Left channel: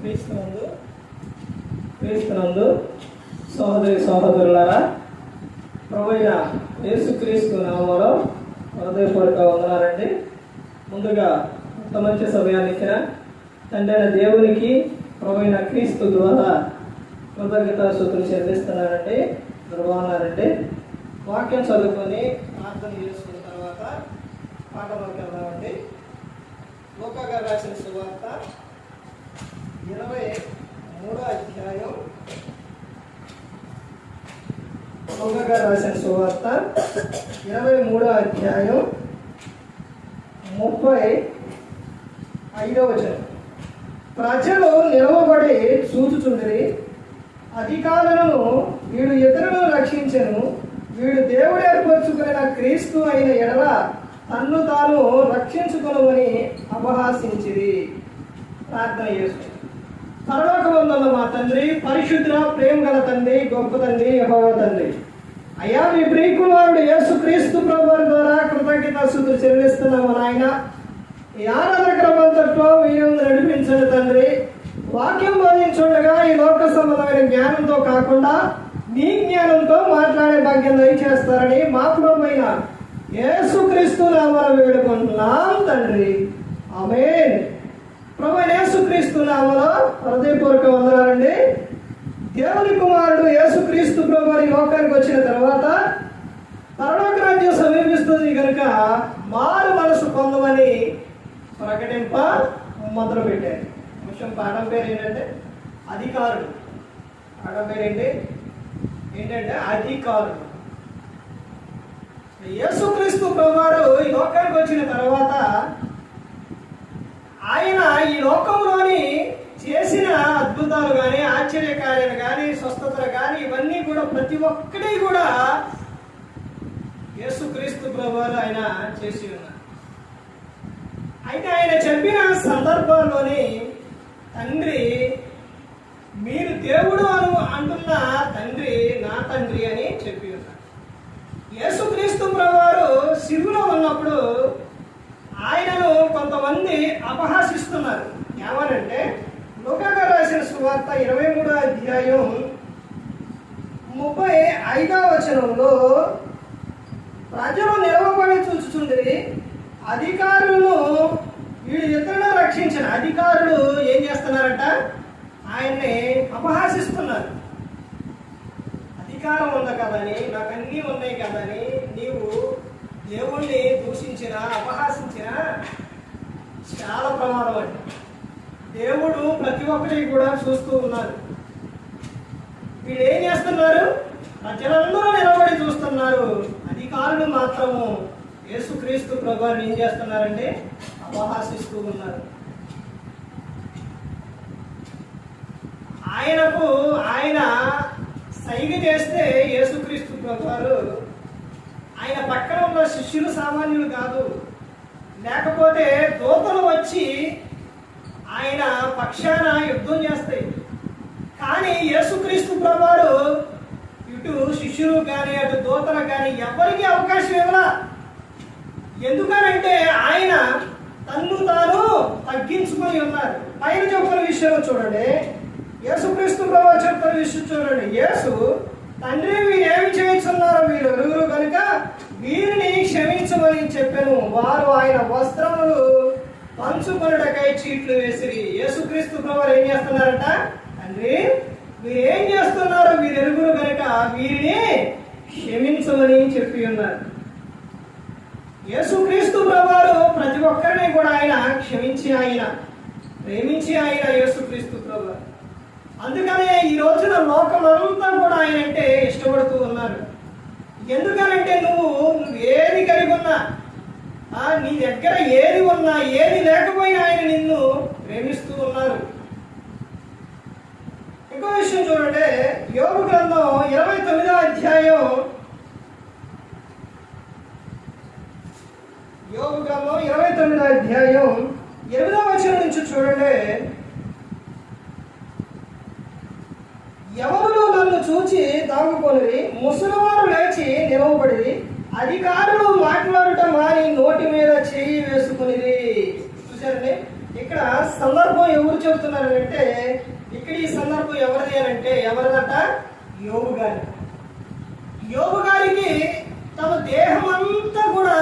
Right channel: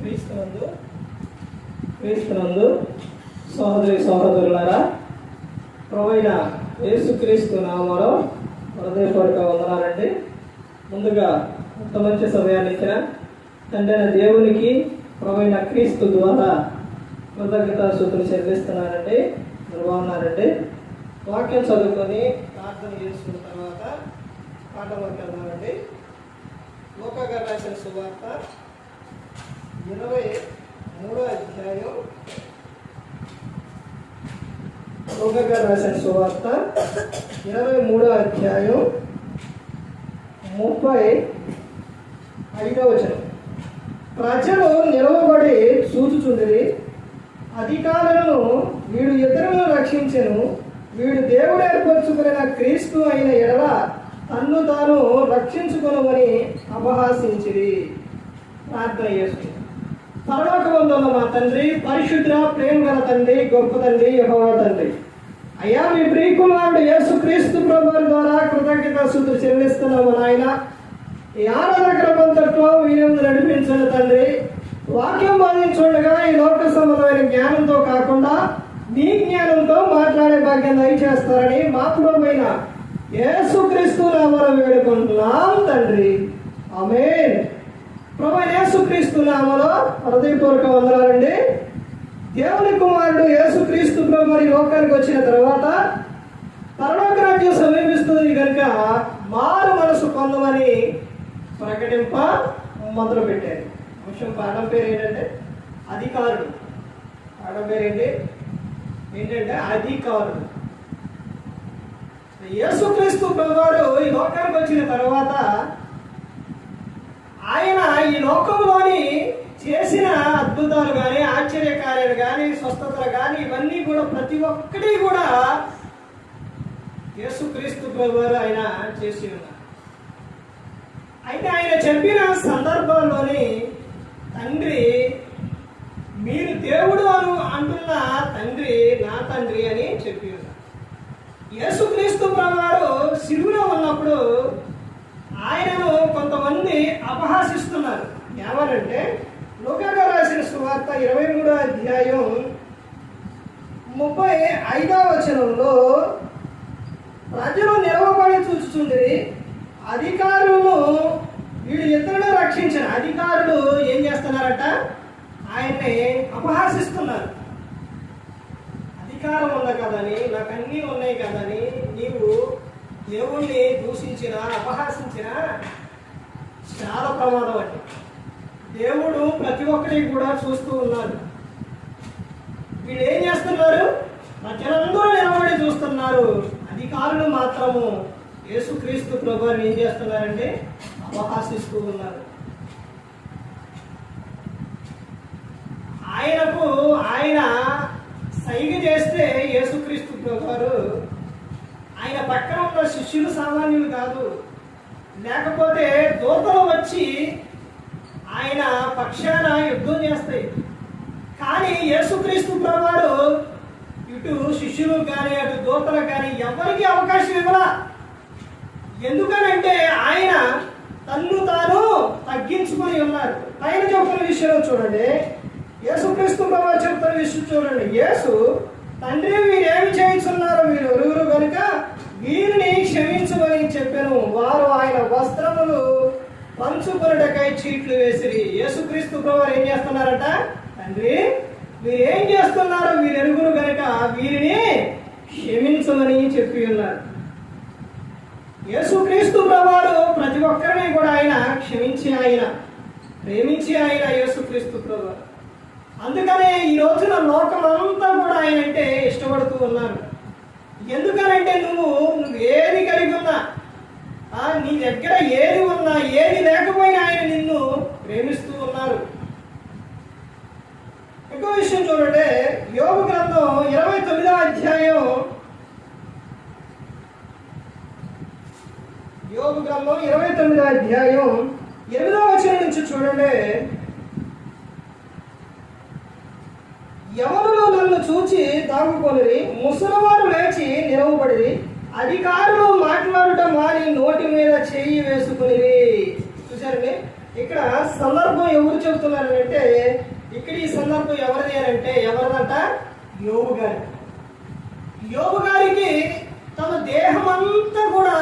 క్రీస్తునందు సహోదరి సహోదరులారా, ప్రభువైన యేసుక్రీస్తు నామములో హృదయపూర్వక వందనాలండి. ముందుగా అంత మంచి సమయాన్ని ఇచ్చిన తండ్రి అయిన దేవునికి ప్రభువైన క్రీస్తు ద్వారా కృతజ్ఞతాస్తుతులు చెల్లిస్తున్నానండి. బాగున్నారండి. వాక్యం చదువుకొని ప్రార్థన చేసుకున్న తర్వాత పాఠంలోకి వెళ్దామండి. లూకా గారు రాసిన సువార్త 23వ అధ్యాయం. లూకా గారు రాసిన సువార్త 23వ అధ్యాయం 35వ వచనం. ప్రజలు నిలవబడి చూచుచుండిరి. అధికారులను వీడు ఇతరులను రక్షించెను, వీడు దేవుడు ఏర్పరచుకున్న క్రీస్తు అయిన ఎడల తన్ను తాను రక్షించుకొనుమని అపహాసించిరి. ప్రార్థన చేస్తుంది. పరలోకమందున్న మా తండ్రి, పరిశుద్ధ ప్రేమ గల తండ్రి, గొప్ప తండ్రి, యెహోవా తండ్రి, అయ్యా మీ ప్రియకుమారుడు యేసుక్రీస్తు ప్రభువు ద్వారా కృతజ్ఞతాస్తుతులు చెల్లిస్తున్నాము నాయన. ఈ ఆరాధన క్రమంతట్లో వీరు నడిపించండి తండ్రి. వాక్యం బోధించుండగా ఈ లోక సంబంధమైన జ్ఞానంతో కాకుండా నీ జ్ఞానంతో మాట్లాడే భాగ్యం దయచేస్తారని మా ప్రభువైన యేసుక్రీస్తు నామములో వేడుకుంటున్నాం తండ్రి. ఆమేన్. ప్రభువైన యేసుక్రీస్తు నామములో హృదయపూర్వక వందనాలండి. దేవుని కుమారుడు యేసుక్రీస్తు ప్రభువు ఈ లోకానికి వచ్చిన తర్వాత పరలోక రాజ్యం సమీపిస్తుంది కనుక మారు మనసు పొందమని ప్రకటింప మొదలు పెట్టారు. అంశం పాఠం పేరు ఏంటంటే అధికారుడు. పాఠం పేరు ఏంటంటే అధికారుడు. యేసుక్రీస్తు ప్రభువారు ఈ లోకానికి వచ్చిన తర్వాత ఆయన ఈ లోకంలోని చేసిన అద్భుతాలు కానీ, ఆశ్చర్యకార్యాలు కానీ, స్వస్థతలు కానీ, ఇవన్నీ కూడా ప్రతి ఒక్కటి కూడా యేసుక్రీస్తు ప్రభువారు ఆయన చేసి ఉన్నారు. అయితే ఆయన చెప్పిన సందర్భంలోని తండ్రి, మీరు దేవుడు అంటున్న తండ్రి నా తండ్రి అని చెప్పి ఉన్నారు. యేసుక్రీస్తు ప్రభువారు సిలువలో ఉన్నప్పుడు ఆయనను కొంతమంది అపహాసిస్తున్నారు. ఏమనంటే లూకా గారు రాసిన సువార్త 23వ అధ్యాయం 35వ వచనంలో ప్రజలు నిలవబడి చూచుచుండిరి. అధికారులను వీడు ఇతరులను రక్షించిన అధికారులు ఏం చేస్తున్నారట? ఆయన్ని అపహాసిస్తున్నారు. అధికారం ఉంది కదని, నాకు అన్నీ ఉన్నాయి కదని నీవు దేవుణ్ణి దూషించినా అపహాసించినా చాలా ప్రమాదం అండి. దేవుడు ప్రతి ఒక్కరికి కూడా చూస్తూ ఉన్నారు. వీళ్ళు ఏం చేస్తున్నారు? ప్రజలందరూ నిలబడి చూస్తున్నారు. అధికారులు మాత్రము యేసుక్రీస్తు ప్రభువుని ఏం చేస్తున్నారంటే అపహాసిస్తూ ఉన్నారు. ఆయన సైగ చేస్తే యేసుక్రీస్తు ప్రభువారు ఆయన పక్కన ఉన్న శిష్యులు సామాన్యులు కాదు, లేకపోతే దూతలు వచ్చి ఆయన పక్షాన యుద్ధం చేస్తాయి. కానీ యేసుక్రీస్తు ప్రభువారు ఇటు శిష్యులు కానీ అటు దూతలు కానీ ఎవరికి అవకాశం ఇవ్వలా. ఎందుకనంటే ఆయన తన్ను తాను తగ్గించుకొని ఉన్నారు. పైన చెప్తున్న విషయంలో చూడండి, యేసుక్రీస్తు ప్రభువు చెప్తున్న విషయం చూడండి. యేసు తండ్రి వీరేమి చేయించున్నారు, వీరు ఎరుగురు కనుక వీరిని క్షమించమని చెప్పాను. వారు ఆయన వస్త్రములు పంచుకొనుటకై చీట్లు వేసిరి. యేసుక్రీస్తు ప్రభువు ఏం చేస్తున్నారట? తండ్రి వీరు ఏం చేస్తున్నారు, వీరు ఎరుగురు కనుక వీరిని క్షమించమని చెప్పి ఉన్నారు. యేసుక్రీస్తు ప్రభువు ప్రతి ఒక్కరిని కూడా ఆయన క్షమించి ఆయన ప్రేమించి ఆయన యేసుక్రీస్తు ప్రభువు. అందుకనే ఈ రోజున లోకమంతా కూడా ఆయన అంటే ఇష్టపడుతూ ఉన్నారు. ఎందుకనంటే నువ్వు ఏది కలిగి ఉన్నా, నీ దగ్గర ఏది ఉన్నా ఏది లేకపోయినా ఆయన నిన్ను ప్రేమిస్తూ ఉన్నారు. ఇంకో విషయం చూడండి, యోబు గ్రంథం 29వ అధ్యాయం 8వ వచనం నుంచి చూడండి. ఎవరు నన్ను చూచి దాగుకొనిరి, ముసలివారు లేచి నిలవబడి, అధికారులు మాట్లాడటం వారి నోటి మీద చేయి వేసుకునిరి. చూసారండి, ఇక్కడ సందర్భం ఎవరు చెబుతున్నారు అంటే, ఇక్కడ ఈ సందర్భం ఎవరిది అని అంటే ఎవరిదంట? యోబు గారి. యోబు గారికి తమ దేహం అంతా కూడా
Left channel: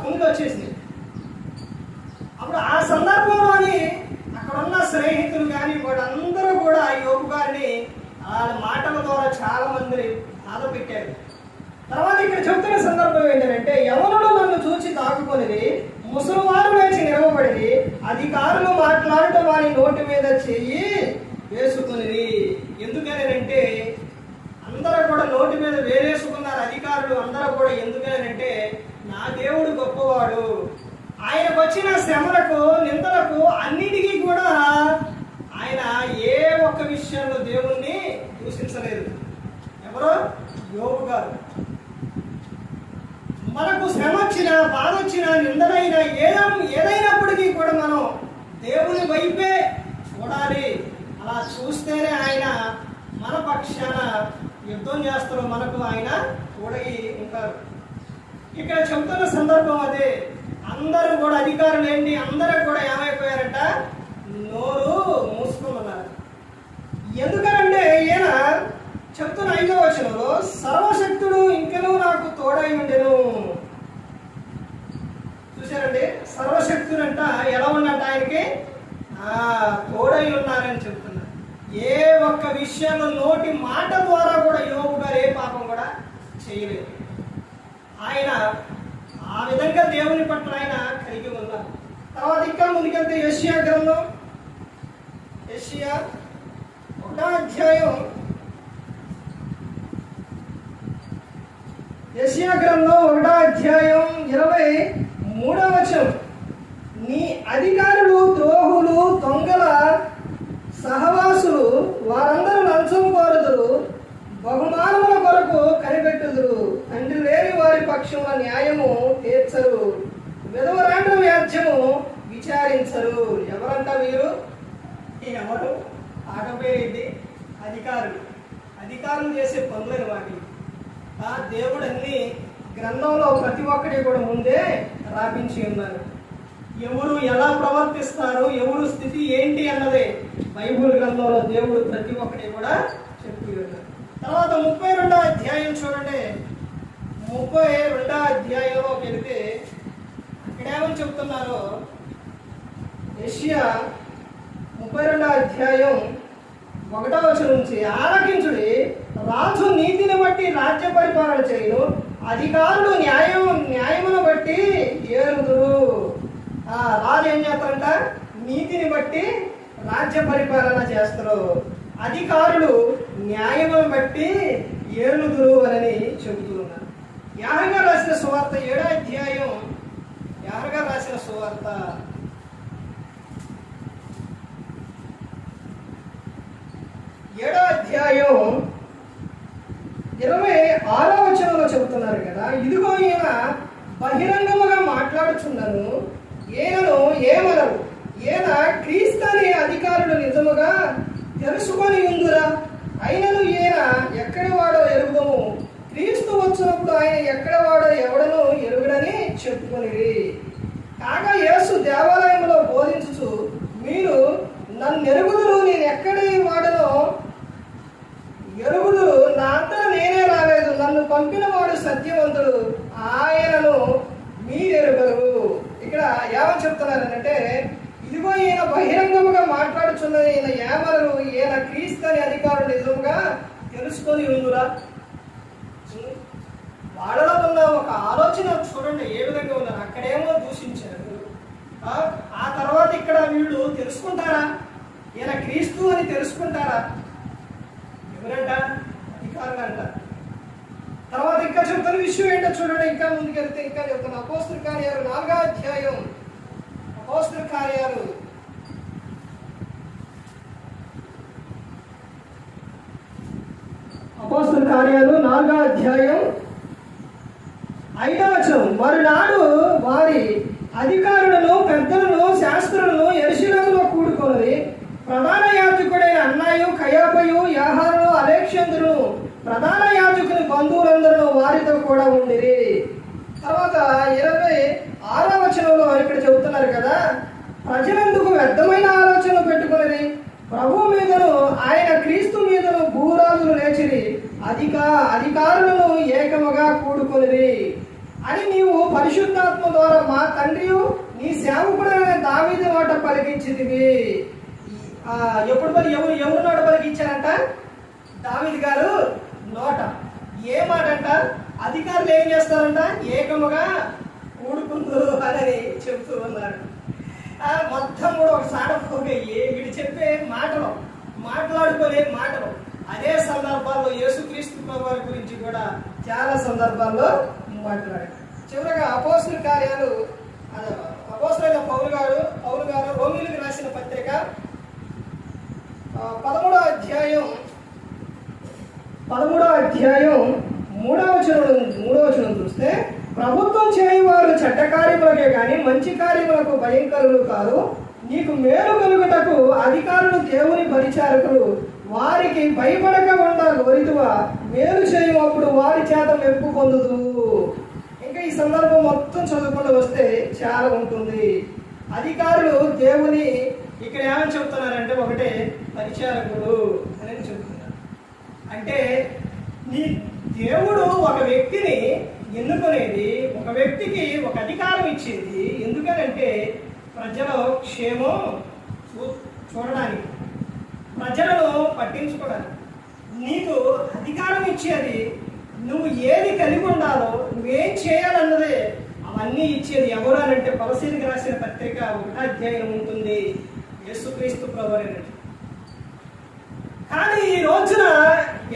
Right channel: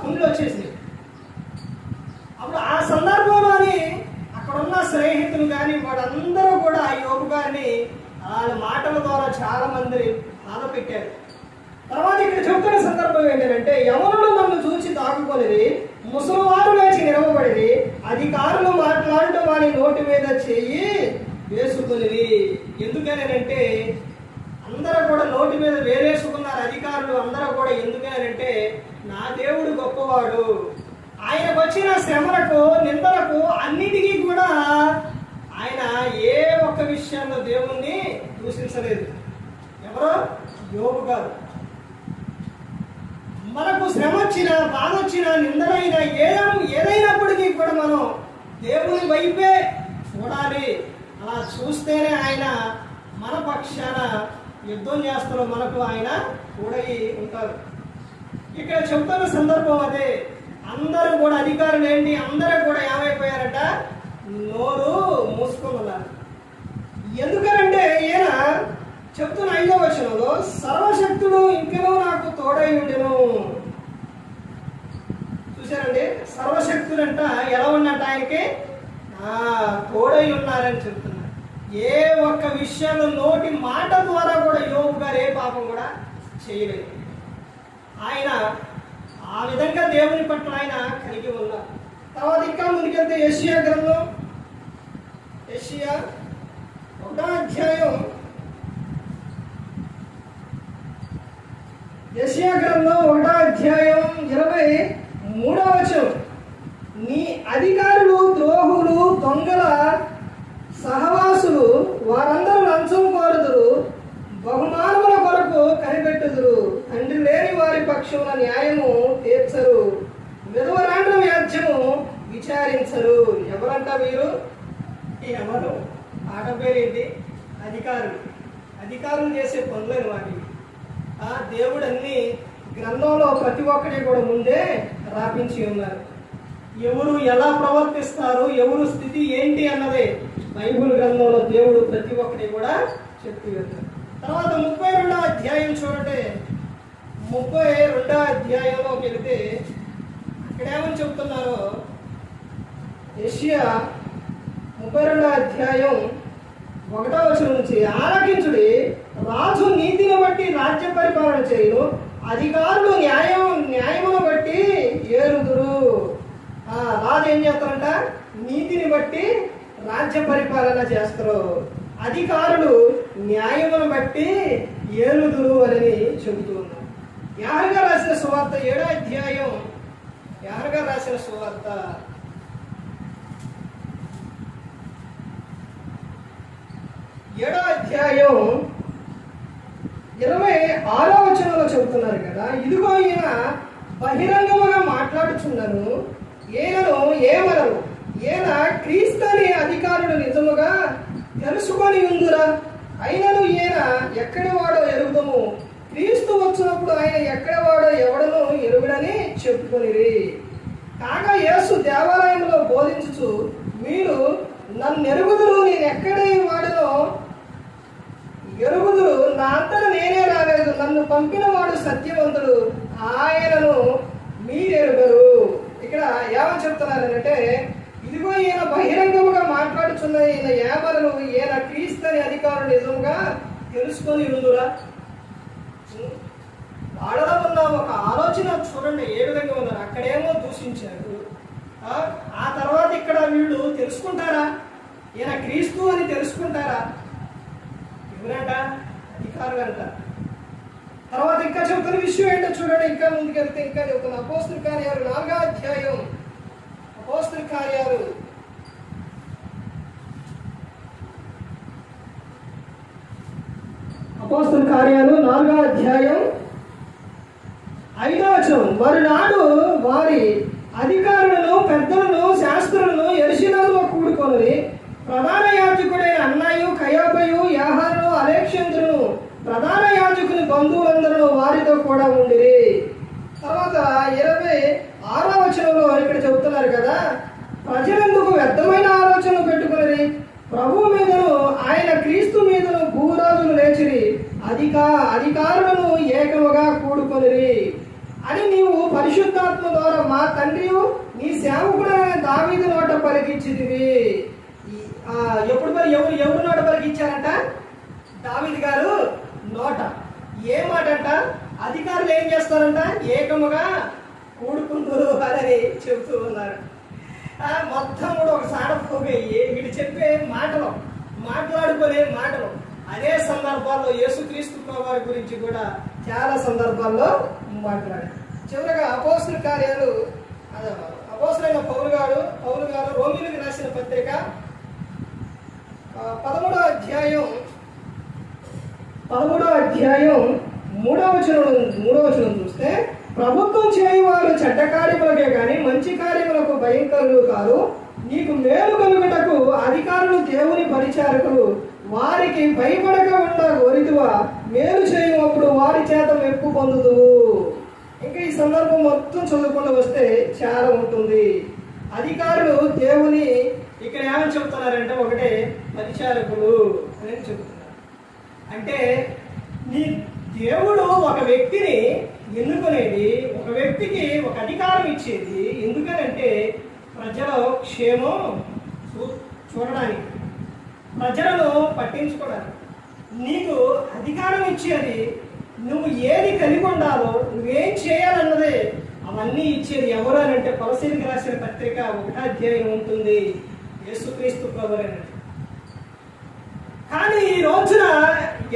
పుండ్లు వచ్చేసింది. అప్పుడు ఆ సందర్భంలోని అక్కడ ఉన్న స్నేహితులు కానీ వాళ్ళందరూ కూడా యోబు గారిని వాళ్ళ మాటల ద్వారా చాలా మంది బాధ పెట్టారు. తర్వాత ఇక్కడ చెబుతున్న సందర్భం ఏంటంటే, యవనులు నన్ను చూచి దాక్కుకొనిది, ముసలివారు లేచి నిలవబడి, అధికారులు మాట్లాడటం వారి నోటి మీద చెయ్యి వేసుకునిది. ఎందుకనంటే అందరూ కూడా నోటి మీద వేరేసుకున్నారు అధికారులు అందరూ కూడా. ఎందుకనంటే నా దేవుడు గొప్పవాడు, ఆయనకు వచ్చిన శ్రమలకు నిందలకు అన్నిటికీ కూడా ఆయన ఏ ఒక్క విషయంలో దేవుణ్ణి దూషించలేదు. ఎవరో? యోబు గారు. మనకు శ్రమ వచ్చినా బాధ వచ్చినా నిందలైనా ఏదైనప్పటికీ కూడా మనం దేవుని వైపే చూడాలి. అలా చూస్తేనే ఆయన మన పక్షాన యుద్ధం చేస్తాడు, మనకు ఆయన తోడై ఉంటారు. ఇక్కడ చెప్తున్న సందర్భం అదే. అందరూ కూడా అధికారులు ఏంటి, అందరూ కూడా ఏమైపోయారంట? నోరు మూసుకున్నారు. ఎందుకనంటే ఈయన చెప్తున్న 5వ వచనంలో సర్వశక్తుడు ఇంకనూ నాకు తోడై ఉండెను. చూసారండి, సర్వశక్తుడంట ఎలా ఉన్నట్ట ఆయనకి తోడై ఉన్నారని చెప్తున్నారు. ఏ ఒక్క విషయంలో నోటి మాట ద్వారా కూడా యోబు గారు ఏ పాపం కూడా చేయలేదు. ఆయన ఆ విధంగా దేవుని పట్ల ఆయన కలిగి ఉన్నారు. తర్వాత ఇంకా ముందుకెళ్తే యెషయా గ్రంథం, యెషయా 1వ అధ్యాయం, యెషయా గ్రంథం 1వ అధ్యాయం 23వ వచనం, నీ అధికారులు ద్రోహులు దొంగల సహవాసులు వారందరూ లంచం కోరుదురు, బహుమానముల కొరకు కనిపెట్టుదురు, తండ్రి లేని వారి పక్షమున న్యాయము తీర్చరు, విధవరాండ్ర వ్యాజ్యము విచారించరు. ఎవరంట వీరు? ఎవరు? ఆట పేరేంటి? అధికారులు. అధికారులు చేసే పనులని వాటి దేవుడు అన్ని గ్రంథంలో ప్రతి ఒక్కటి కూడా ముందే రాపించి ఉన్నారు. ఎవరు ఎలా ప్రవర్తిస్తారు, ఎవరు స్థితి ఏంటి అన్నదే బైబుల్ గ్రంథంలో దేవుడు ప్రతి ఒక్కటి కూడా చెప్పి ఉన్నారు. తర్వాత 32వ అధ్యాయం చూడండి. 32వ అధ్యాయంలోకి వెళితే ఇక్కడ ఏమని చెప్తున్నారో, యెషయా 32వ అధ్యాయం 1వ వచనం నుంచి, ఆలకించుడి, రాజు నీతిని బట్టి రాజ్య పరిపాలన చేయును, అధికారులు న్యాయమును బట్టి ఏలుదురు. రాజు ఏం చేస్తారంట? నీతిని బట్టి రాజ్య పరిపాలన చేస్తారు, అధికారులు న్యాయమును బట్టి ఏలుదురు అని చెబుతూ ఉన్నారు. యాహగా రాసిన సువార్త 7వ అధ్యాయం, యాహగా రాసిన సువార్త 7వ అధ్యాయం 26వ వచనంలో చెబుతున్నారు కదా, ఇదిగో ఈయన బహిరంగముగా మాట్లాడుచున్నాను, ఈయనను ఏమనరు, ఈయన క్రీస్తు అనే అధికారులు నిజముగా తెలుసుకొని ఉందురా, అయినను ఈయన ఎక్కడి వాడో ఎరుగుదము, క్రీస్తు వచ్చినప్పుడు ఆయన ఎక్కడ వాడో ఎవడనో ఎరుగుడని చెప్పుకొనిరి. కాగా యేసు దేవాలయంలో బోధించుచు, మీరు నన్ను ఎరుగుదురు, నేను ఎక్కడి వాడనో ఎరుగుదురు, నా అంతటా నేనే రాలేదు, నన్ను పంపిన వాడు సత్యవంతుడు, ఆయనను మీరెరుగరు. ఇక్కడ ఏమని చెప్తున్నారంటే, ఇదిగో ఈయన బహిరంగముగా మాట్లాడుచున్న ఈయన ఏమనరు, ఈయన క్రీస్తు అనే అధికారులు నిజంగా తెలుసుకొని ఉందురా. వాళ్ళలో ఉన్న ఒక ఆలోచన చూడండి ఏ విధంగా ఉన్నారు. అక్కడేమో దూషించారు, ఆ తర్వాత ఇక్కడ వీళ్ళు తెలుసుకుంటారా? ఈయన క్రీస్తు అని తెలుసుకుంటారా? ఎవరంట? అధికారులు అంట. తర్వాత ఇంకా చెప్తున్న విషయం ఏంటో చూడండి. ఇంకా ముందుకెళ్తే ఇంకా చెప్తున్నా. అపోస్తుల కార్యాలు 4వ అధ్యాయం, అపోస్తుల కార్యాలు 4వ అధ్యాయం 5వ వచనం, మరునాడు వారి అధికారులను పెద్దలను శాస్త్రులను యెరూషలేములో కూడుకొని ప్రధాన యాజకుడైన అన్నయ్య కయాపయు యాహాను అలెగ్జాందరును ప్రధాన యాజకుని బంధువులందరూ వారితో కూడా ఉండిరి. తర్వాత 26వ వచనంలో ఇక్కడ చెబుతున్నారు కదా, ప్రజల పలికించితివి. ఎప్పుడు మరి ఎవరు నోట పలికించారంట? దావీదు గారు నోట. ఏ మాట అంట? అధికారులు ఏం చేస్తారంట? ఏకముగా కూడుకుందరు అని చెబుతూ ఉన్నారు. మొత్తం కూడా ఒక సాడపోగయ్యి వీడు చెప్పే మాటలు, మాట్లాడుకునే మాటలు. అదే సందర్భాల్లో యేసుక్రీస్తు ప్రభువారి గురించి కూడా చాలా సందర్భాల్లో మాట్లాడారు. చివరగా అపోస్తుల కార్యాలు, అపోస్తులైన పౌలు గారు రోమీయులకు రాసిన పత్రిక 13వ అధ్యాయం 3వ వచనం చూస్తే, ప్రభుత్వం చేయువారు చెడ్డ కార్యములకే గాని మంచి కార్యములకు భయంకరులు కాదు. నీకు మేలు కలుగుటకు అధికారులు దేవుని పరిచారకులు, వారికి భయపడక ఉండ గోరితువా, మేలు చేయమప్పుడు వారి చేత మెప్పు పొందుదు. ఇంకా ఈ సందర్భం మొత్తం చదువుకుంటూ వస్తే చాలా ఉంటుంది. అధికారులు దేవుని ఇక్కడ ఏమని చెబుతున్నారంటే, ఒకటే పరిచారకుడు అని చెబుతున్నారు. అంటే నీ దేవుడు ఒక వ్యక్తిని ఎన్నుకునేది, ఒక వ్యక్తికి ఒక అధికారం ఇచ్చేది ఎందుకనంటే ప్రజల క్షేమం చూడడానికి, ప్రజలను పట్టించుకోవడానికి. నీకు అధికారం ఇచ్చేది, నువ్వు ఏది కలిగి ఉండాలో, నువ్వేం చేయాలన్నదే అవన్నీ ఇచ్చేది ఎవరు అని అంటే కొలసీలకు రాసిన పత్రిక 1వ అధ్యాయం ఉంటుంది, యేసుక్రీస్తు ప్రభువు. కానీ ఈ రోజున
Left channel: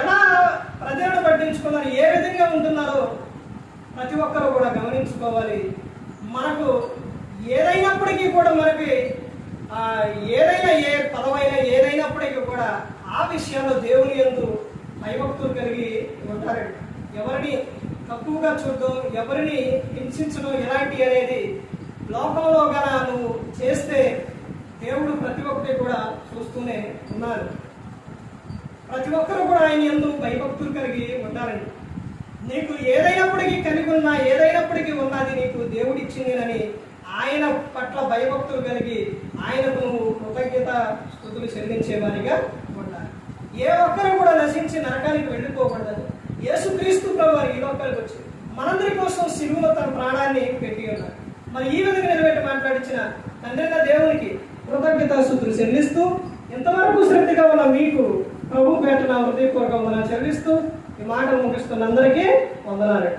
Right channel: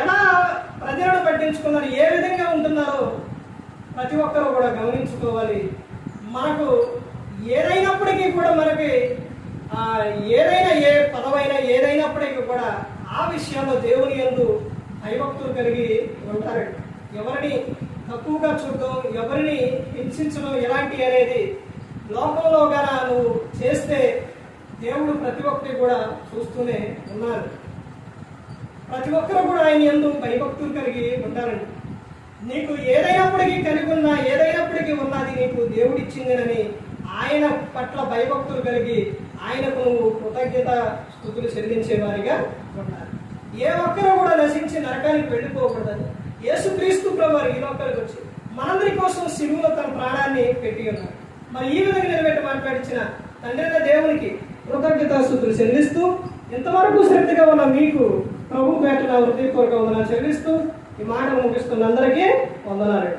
ఎలా ప్రజలను పట్టించుకున్నారు, ఏ విధంగా ఉంటున్నారో ప్రతి ఒక్కరు కూడా గమనించుకోవాలి. మనకు ఏదైనప్పటికీ కూడా, మనకి ఏదైనా ఏ పదవైనా ఏదైనప్పటికీ కూడా ఆ విషయంలో దేవుని యందు భయభక్తులు కలిగి ఉంటారండి. ఎవరిని తక్కువగా చూడడం, ఎవరిని హింసించడం ఇలాంటి అనేది లోకంలో గన నువ్వు చేస్తే దేవుడు ప్రతి ఒక్కరి కూడా చూస్తూనే ఉన్నారు. ప్రతి ఒక్కరు కూడా ఆయన యందు భయభక్తులు కలిగి ఉంటారండి. నీకు ఏదైనప్పటికీ కలిగి ఉన్నా, ఏదైనప్పటికీ ఉన్నది నీకు దేవుడు ఇచ్చిందని ఆయన పట్ల భయభక్తులు కలిగి ఆయనకు నువ్వు కృతజ్ఞత స్తుతులు చెల్లించేవారిగా ఉండాలి. ఏ ఒక్కరు కూడా నశించి నరకానికి వెళ్ళిపోకూడదు. యేసుక్రీస్తు ప్రభువు ఈ లోకానికి వచ్చి మనందరి కోసం సిలువలో తన ప్రాణాన్ని పెట్టి ఉన్నారు. మరి ఈ విధంగా నిలబెట్టి మాట్లాడించిన తండ్రి దేవునికి కృతజ్ఞత స్తుతులు చెల్లిస్తూ, ఇంతవరకు శ్రద్ధగా ఉన్న మీకు ప్రభు పేట హృదయపూర్వక వందనాలు చెల్లిస్తూ ఈ మాటలు ముగిస్తున్న అందరికీ వందనాలు.